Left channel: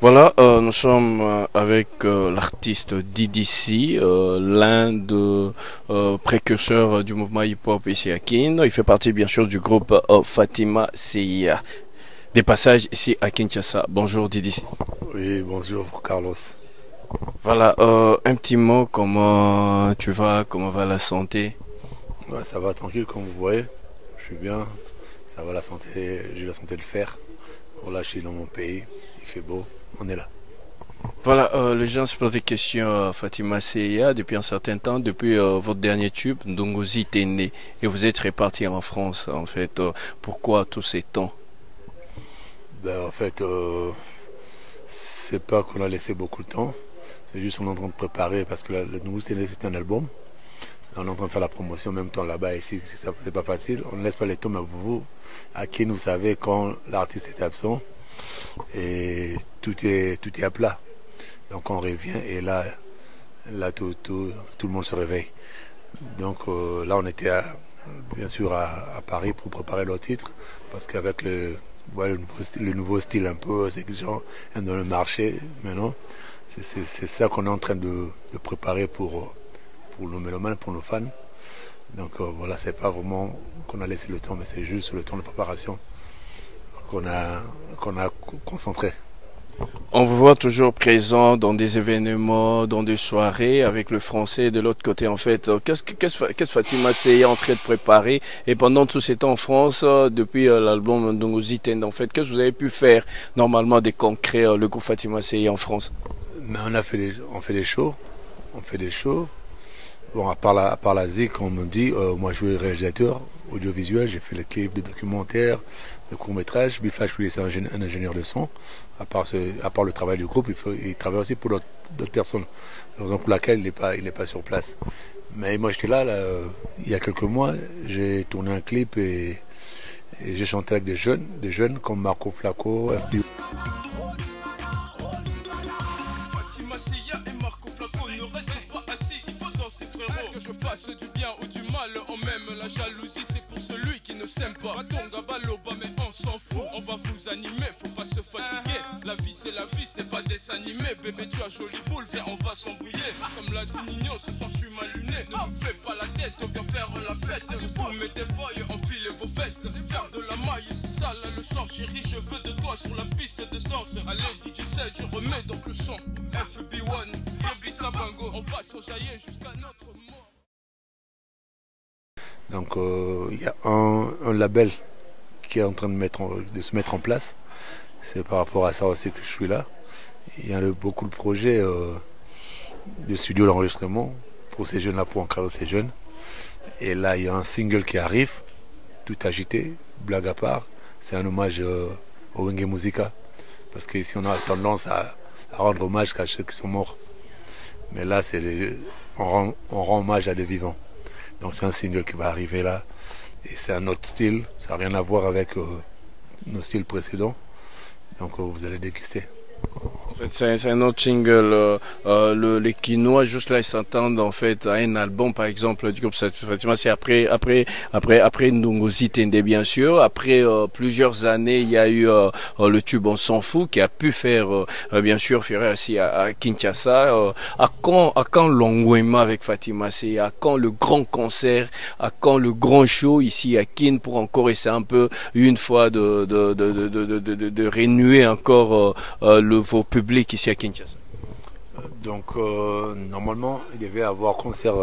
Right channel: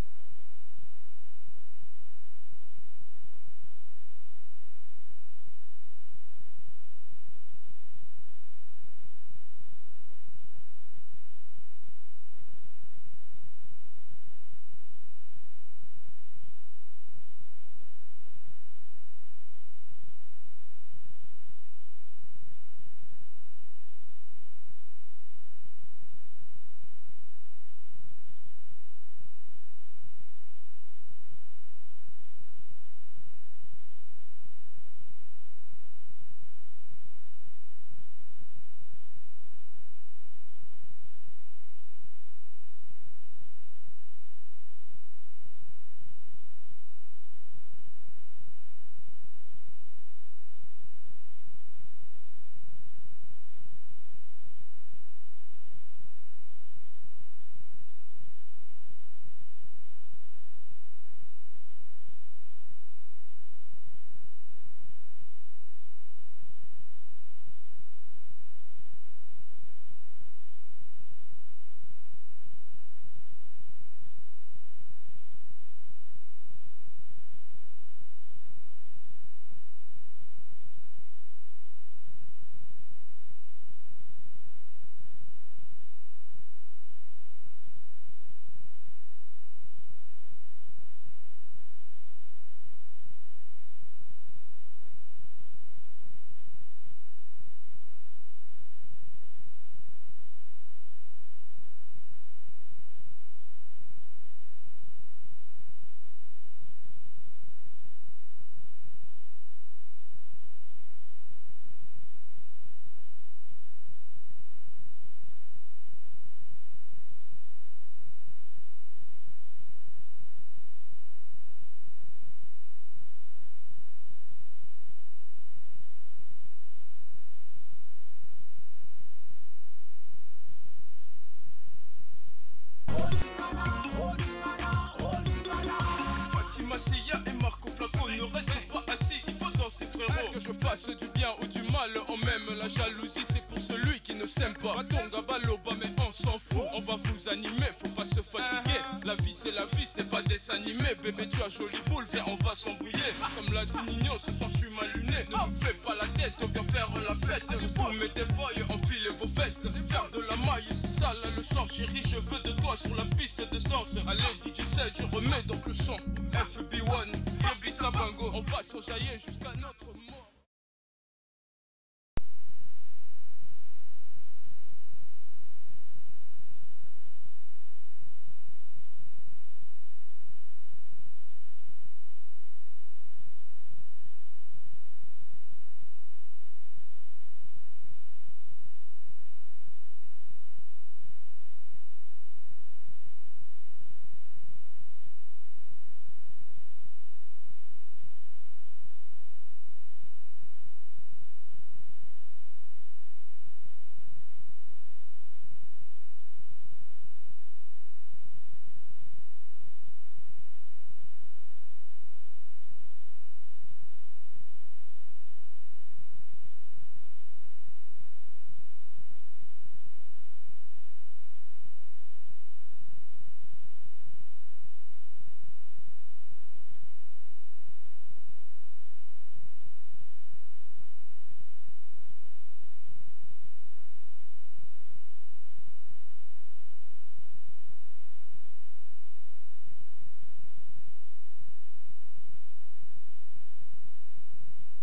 Voilà, nous sommes avec l'artiste DDC, l'un des précurseurs du mouvement hip-hop ici à Kin. Il fait partie bien sûr du groupe Fatima CIA. Des passages ici à Kinshasa. Bonjour DDC. Oui, bonjour Carlos. Voilà, un petit mot, comment tu vas, comment va la santé? Ouais, ça va tranquille comme vous voyez. Je suis bien. Ça va la santé, j'ai la santé de fer. Voilà, je suis dans mon pays. Il fait beau. On est là. Voilà, les gens se posent des questions à Fatima CIA depuis un certain temps, depuis votre dernier tube, Ndongozi est né et vous êtes réparti en France en fait. Pourquoi tous ces temps? Ben, en fait, c'est pas qu'on a laissé beaucoup de temps. C'est juste qu'on est en train de préparer parce que le nouveau c'est un album. On est en train de faire la promotion en même temps là-bas. Ici, c'est pas facile. On ne laisse pas les temps, mais vous, à qui vous savez quand l'artiste est absent et tout est à plat. Donc on revient et tout le monde se réveille. Donc là, on était bien sûr à Paris pour préparer leur titre parce qu'avec voilà, le nouveau style un peu, c'est que les gens aiment dans le marché maintenant. C'est ça qu'on est en train de préparer pour nos mélomanes, pour nos fans. Donc voilà, c'est pas vraiment qu'on a laissé le temps, mais c'est juste le temps de préparation qu'on a concentré. On vous voit toujours présent dans des événements, dans des soirées avec le français de l'autre côté en fait. Qu'est-ce Fatima c'est en train de préparer et pendant tous ces temps en France, depuis l'album Ndongozi Tende en fait, qu'est-ce que vous avez pu faire normalement des concrets, le groupe Fatima c'est en France? Mais on fait des shows, on fait des shows. Bon, à part la ZIC, on me dit, moi je suis réalisateur audiovisuel, j'ai fait les clips, des documentaires, des courts-métrages. Bifash, lui, c'est un ingénieur de son. À part le travail du groupe, il travaille aussi pour d'autres personnes. Raison pour laquelle il n'est pas sur place. Mais moi j'étais là, il y a quelques mois, j'ai tourné un clip et j'ai chanté avec des jeunes comme Marco Flacco. Fatima Sia et Marco Flacco ne restent pas assis, il faut danser frérot. Que je fasse du bien ou du mal, on même la jalousie c'est pour celui qui ne s'aime pas. Matonga Valoba mais on s'en fout, on va vous animer, faut pas se fatiguer. La vie c'est pas dessin animé, bébé tu as jolie boule, viens on va s'embrouiller. Comme l'a dit Nino, ce soir je suis mal luné, ne nous fais pas la tête, on vient faire la fête. Vous mettez boy, enfilez vos vestes, faire de la maille, c'est ça la leçon. Chérie, je veux de toi sur la piste de danse. Allez DJ Seth, je remets donc le son. FB1, Baby Sabango, on va s'enjailler jusqu'à notre mort. Donc il y a un label qui est en train de se mettre en place. C'est par rapport à ça aussi que je suis là. Il y a beaucoup de projets de studio d'enregistrement pour ces jeunes-là, pour encadrer ces jeunes. Et là, il y a un single qui arrive, tout agité, blague à part. C'est un hommage au Wenge Musica. Parce qu'ici, on a tendance à rendre hommage à ceux qui sont morts. Mais là, on rend hommage à des vivants. Donc c'est un single qui va arriver là. Et c'est un autre style. Ça n'a rien à voir avec nos styles précédents. Donc vous allez déguster. En fait, c'est un autre single. Les Quinois, juste là, ils s'entendent en fait à un album, par exemple, du groupe Fatima. C'est après Ndongozi Tende, bien sûr. Après plusieurs années, il y a eu le tube On s'en fout, qui a pu faire, bien sûr, faire ici à Kinshasa. À quand l'engouement avec Fatima? C'est à quand le grand concert? À quand le grand show ici à Kin pour encore essayer un peu, une fois, de renouer encore vos publics ici à Kinshasa? Donc normalement il devait avoir concert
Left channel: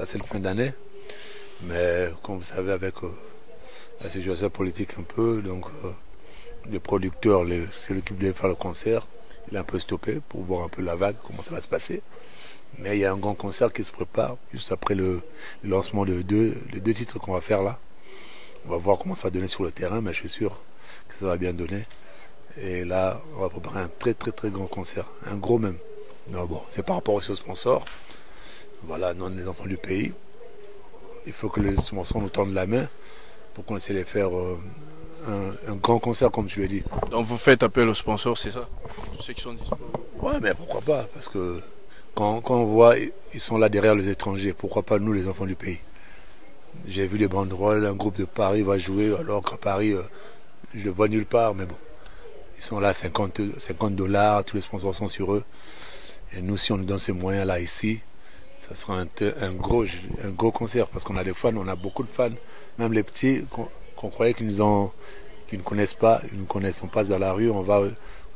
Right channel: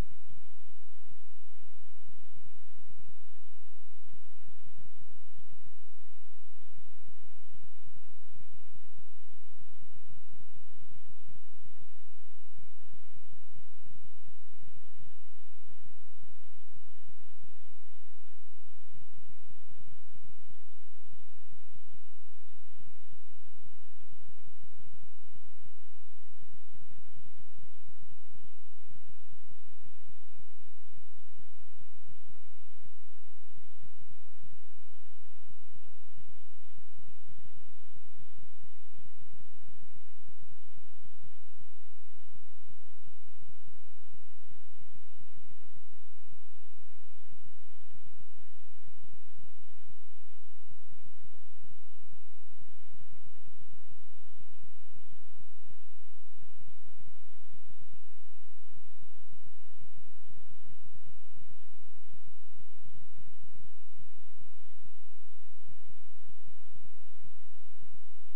à cette fin d'année, mais comme vous savez avec la situation politique un peu, donc le producteur, celui qui voulait faire le concert, il a un peu stoppé pour voir un peu la vague, comment ça va se passer. Mais il y a un grand concert qui se prépare juste après le lancement les deux titres qu'on va faire là. On va voir comment ça va donner sur le terrain, mais je suis sûr que ça va bien donner. Et là, on va préparer un très très très grand concert, un gros même. Mais bon, c'est par rapport aussi aux sponsors. Voilà, non, les enfants du pays. Il faut que les sponsors nous tendent la main pour qu'on essaie de faire un grand concert, comme tu l'as dit. Donc vous faites appel aux sponsors, c'est ça? Ceux qui sont disponibles. Ouais, mais pourquoi pas? Parce que quand on voit, ils sont là derrière les étrangers. Pourquoi pas nous, les enfants du pays? J'ai vu les banderoles, un groupe de Paris va jouer, alors qu'à Paris, je le vois nulle part, mais bon. Ils sont là, 50 $, tous les sponsors sont sur eux. Et nous, si on nous donne ces moyens-là ici, ça sera un gros concert. Parce qu'on a des fans, on a beaucoup de fans. Même les petits qu'on croyait qu'ils ne connaissent pas, ils nous connaissent. On passe dans la rue, on va au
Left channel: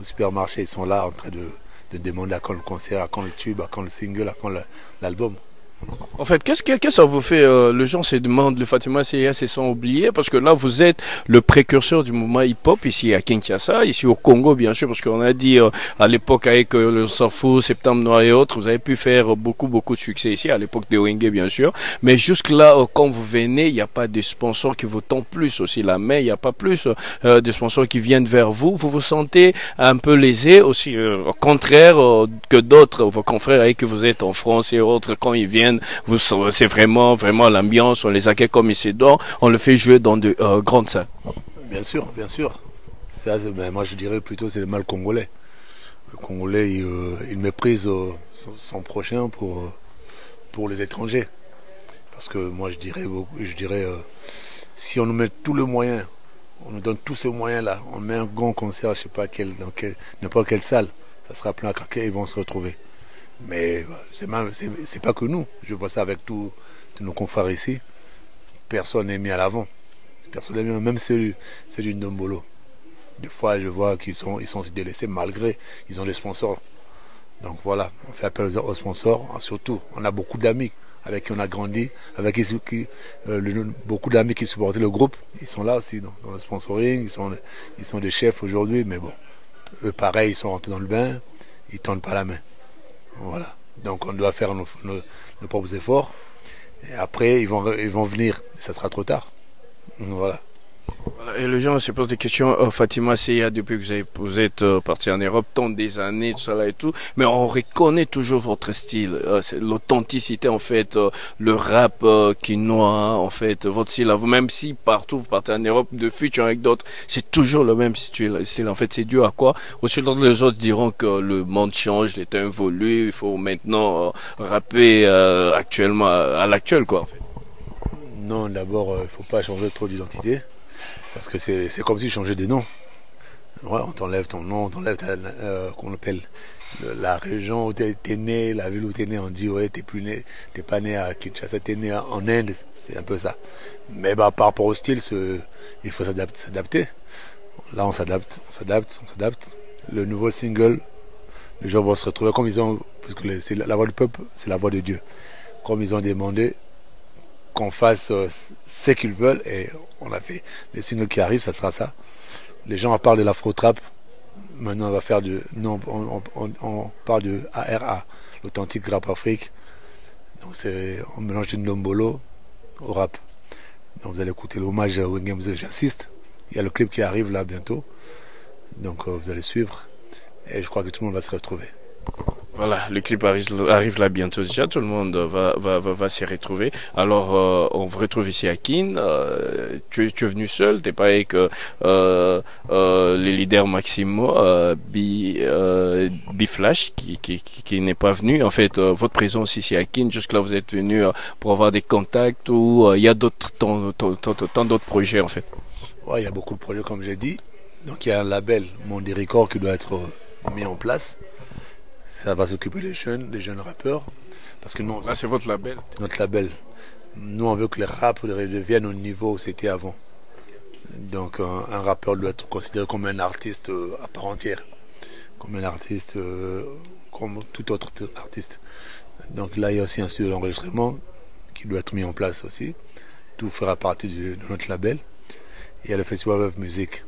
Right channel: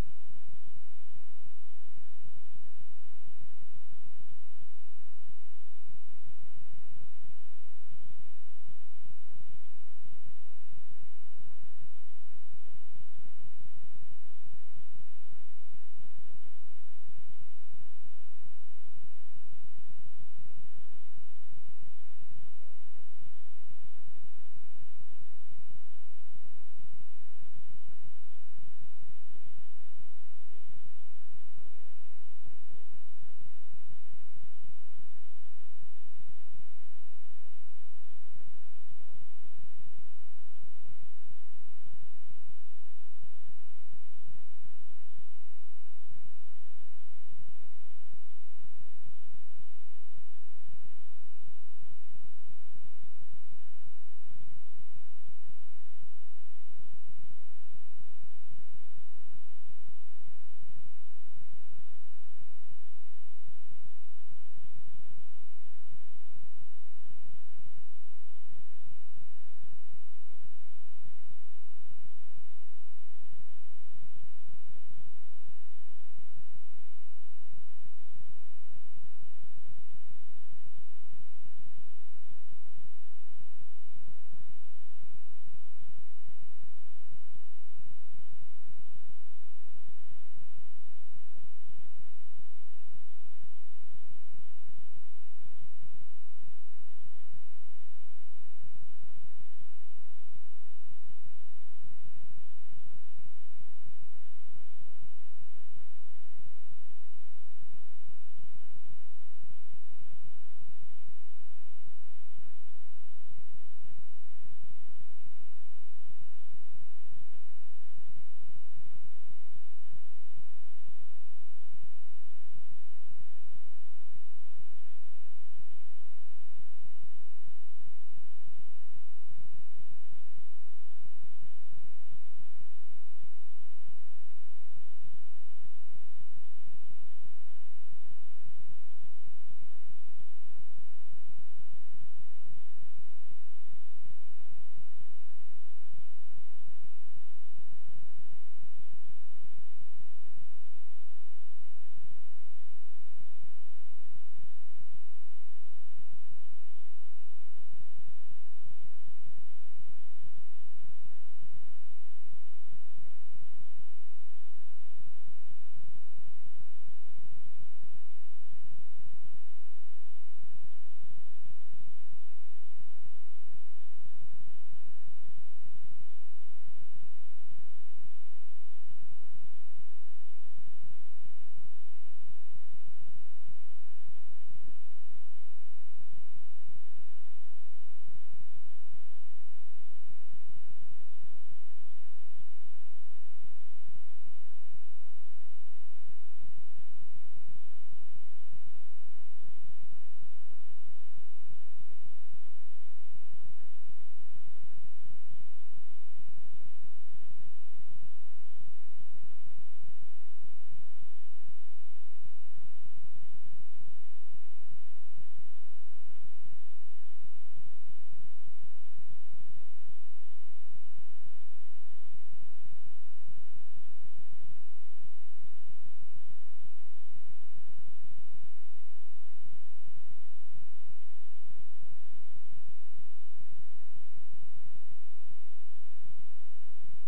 supermarché, ils sont là en train de demander à quand le concert, à quand le tube, à quand le single, à quand l'album. En fait, qu'est-ce que ça vous fait les gens se demandent, le Fatima CIA se sont oubliés parce que là vous êtes le précurseur du mouvement hip-hop ici à Kinshasa, ici au Congo bien sûr, parce qu'on a dit à l'époque avec le Safo, Septembre Noir et autres, vous avez pu faire beaucoup de succès ici à l'époque de Wenge bien sûr, mais jusque là quand vous venez, il n'y a pas de sponsors qui vous tendent plus aussi la main, il n'y a pas plus de sponsors qui viennent vers vous, vous vous sentez un peu lésé aussi, au contraire que d'autres, vos confrères avec qui vous êtes en France et autres, quand ils viennent, c'est vraiment l'ambiance, on les accueille comme ils se doivent, on le fait jouer dans de grandes salles. Bien sûr. Ça, moi je dirais plutôt c'est le mal congolais. Le Congolais il méprise son prochain pour les étrangers. Parce que moi je dirais si on nous met tous les moyens, on nous donne tous ces moyens-là, on met un grand concert, je sais pas dans n'importe quelle salle, ça sera plein à craquer, ils vont se retrouver. Mais c'est pas que nous. Je vois ça avec tous nos confrères ici. Personne n'est mis à l'avant. Personne n'est mis, même celui du Ndombolo. Des fois, je vois qu'ils sont délaissés malgré ils ont des sponsors. Donc voilà, on fait appel aux sponsors. Surtout, on a beaucoup d'amis avec qui on a grandi, avec beaucoup d'amis qui supportaient le groupe. Ils sont là aussi dans le sponsoring. Ils sont des chefs aujourd'hui, mais bon, eux pareil, ils sont rentrés dans le bain. Ils ne tendent pas la main. Voilà. Donc on doit faire nos propres efforts. Et après, ils vont venir. Ça sera trop tard. Voilà. Et les gens se posent des questions. Fatima CIA, depuis que vous êtes parti en Europe, tant des années, tout ça et tout, mais on reconnaît toujours votre style, l'authenticité en fait, le rap quinois, en fait, votre style à vous, même si partout vous partez en Europe, de futur avec d'autres, c'est toujours le même style. En fait, c'est dû à quoi? Aussi, les autres diront que le monde change, les temps évoluent, il faut maintenant rapper actuellement à l'actuel, quoi. En fait. Non, d'abord, il ne faut pas changer trop d'identité. Parce que c'est comme si tu changeais de nom. Ouais, on t'enlève ton nom, on t'enlève qu'on appelle la région où tu es né, la ville où tu es né. On dit, ouais, tu n'es pas né à Kinshasa, tu es né en Inde. C'est un peu ça. Mais par rapport au style, il faut s'adapter. Là, on s'adapte. Le nouveau single, les gens vont se retrouver comme ils ont. Parce que c'est la voix du peuple, c'est la voix de Dieu. Comme ils ont demandé qu'on fasse ce qu'ils veulent et on a fait. Les singles qui arrivent, ça sera ça. Les gens parlent de l'afro-trap. Maintenant, on va faire on parle de ARA, l'authentique rap Afrique. Donc, on mélange du Ndombolo au rap. Donc, vous allez écouter l'hommage à Wenge Mzee, j'insiste. Il y a le clip qui arrive là bientôt. Donc, vous allez suivre. Et je crois que tout le monde va se retrouver. Voilà, le clip arrive là bientôt déjà, tout le monde va s'y retrouver. Alors, on vous retrouve ici à Kin. Tu es venu seul, t'es pas avec les leaders Maximo, B-Flash qui n'est pas venu. En fait, votre présence ici à Kin, jusque-là vous êtes venu pour avoir des contacts ou il y a tant d'autres projets en fait. Ouais, il y a beaucoup de projets comme j'ai dit. Donc il y a un label, Mondi Record, qui doit être mis en place. Ça va s'occuper des jeunes rappeurs. Parce que nous, là, c'est votre label. Notre label. Nous, on veut que les rappeurs reviennent au niveau où c'était avant. Donc, un rappeur doit être considéré comme un artiste à part entière. Comme un artiste, comme tout autre artiste. Donc là, il y a aussi un studio d'enregistrement qui doit être mis en place aussi. Tout fera partie de notre label. Il y a le Festival of Music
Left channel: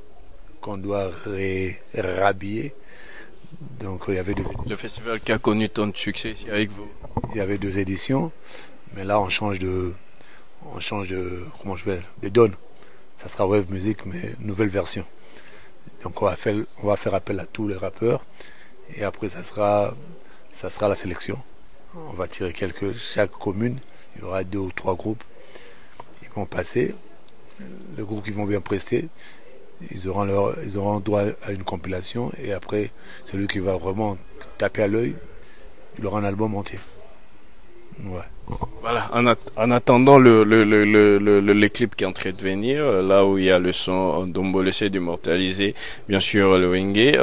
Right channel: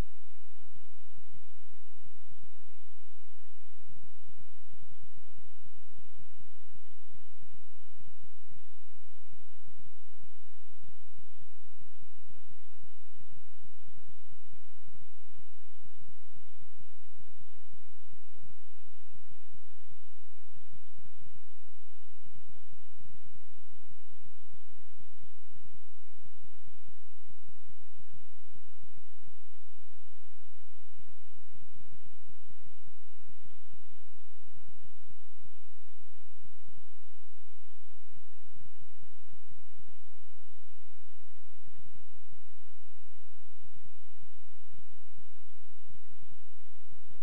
qu'on doit rhabiller. Donc il y avait 2 éditions. Le festival qui a connu tant de succès ici avec vous. Il y avait 2 éditions, mais là on change de comment je vais de donne. Ça sera Wave Music mais nouvelle version. Donc on va faire appel à tous les rappeurs et après ça sera la sélection. On va tirer chaque commune, il y aura 2 ou 3 groupes. Ils vont passer. Les groupes qui vont bien prester. Ils auront droit à une compilation et après celui qui va vraiment taper à l'œil, il aura un album entier. Ouais. Voilà, en attendant les clips qui est en train de venir, là où il y a le son d'Ombole essaie d'immortaliser, bien sûr, le Wenge,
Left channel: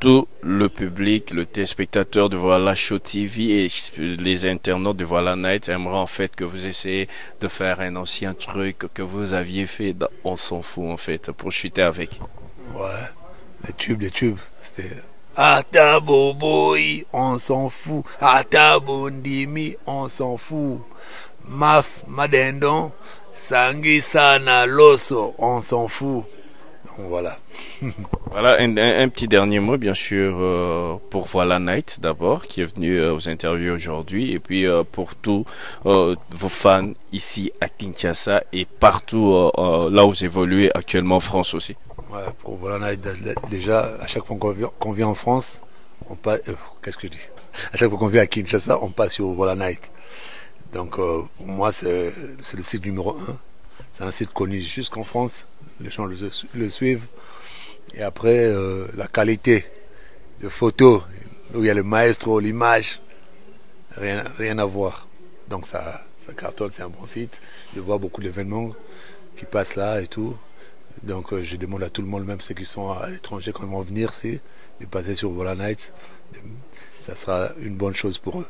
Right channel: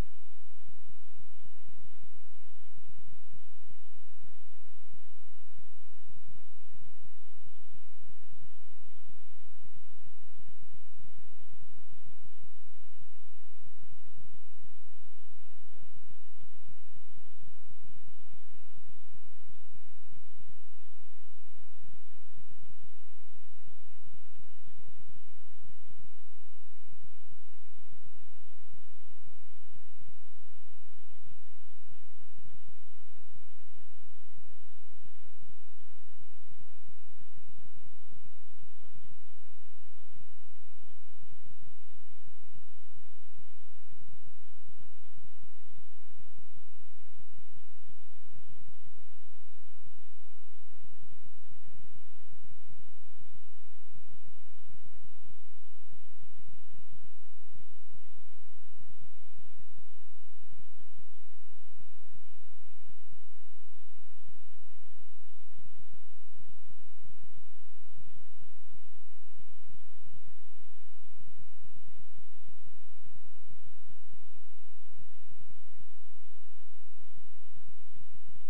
tout le public, le téléspectateur de Voilà Show TV et les internautes de Voilà Night aimeraient en fait que vous essayez de faire un ancien truc que vous aviez fait dans On s'en fout en fait, pour chuter avec. Ouais, les tubes, c'était Ataboboy, on s'en fout. Atabondimi, on s'en fout. Maf, Madendon, Sangisana, Loso, on s'en fout. Donc voilà. Voilà, un petit dernier mot, bien sûr, pour Voilà Night d'abord, qui est venu aux interviews aujourd'hui, et puis pour tous vos fans ici à Kinshasa et partout là où vous évoluez actuellement en France aussi. Ouais, pour Voilà Night, déjà, à chaque fois qu'on vient en France, on passe. Qu'est-ce que je dis? À chaque fois qu'on vient à Kinshasa, on passe sur Voilà Night. Donc, pour moi, c'est le site numéro 1. C'est un site connu jusqu'en France. Les gens le suivent. Et après, la qualité de photos, où il y a le maestro, l'image, rien à voir. Donc, ça cartonne, c'est un bon site. Je vois beaucoup d'événements qui passent là et tout. Donc je demande à tout le monde, même ceux qui sont à l'étranger, quand ils vont venir, de passer sur Voilà Night. Ça sera une bonne chose pour eux.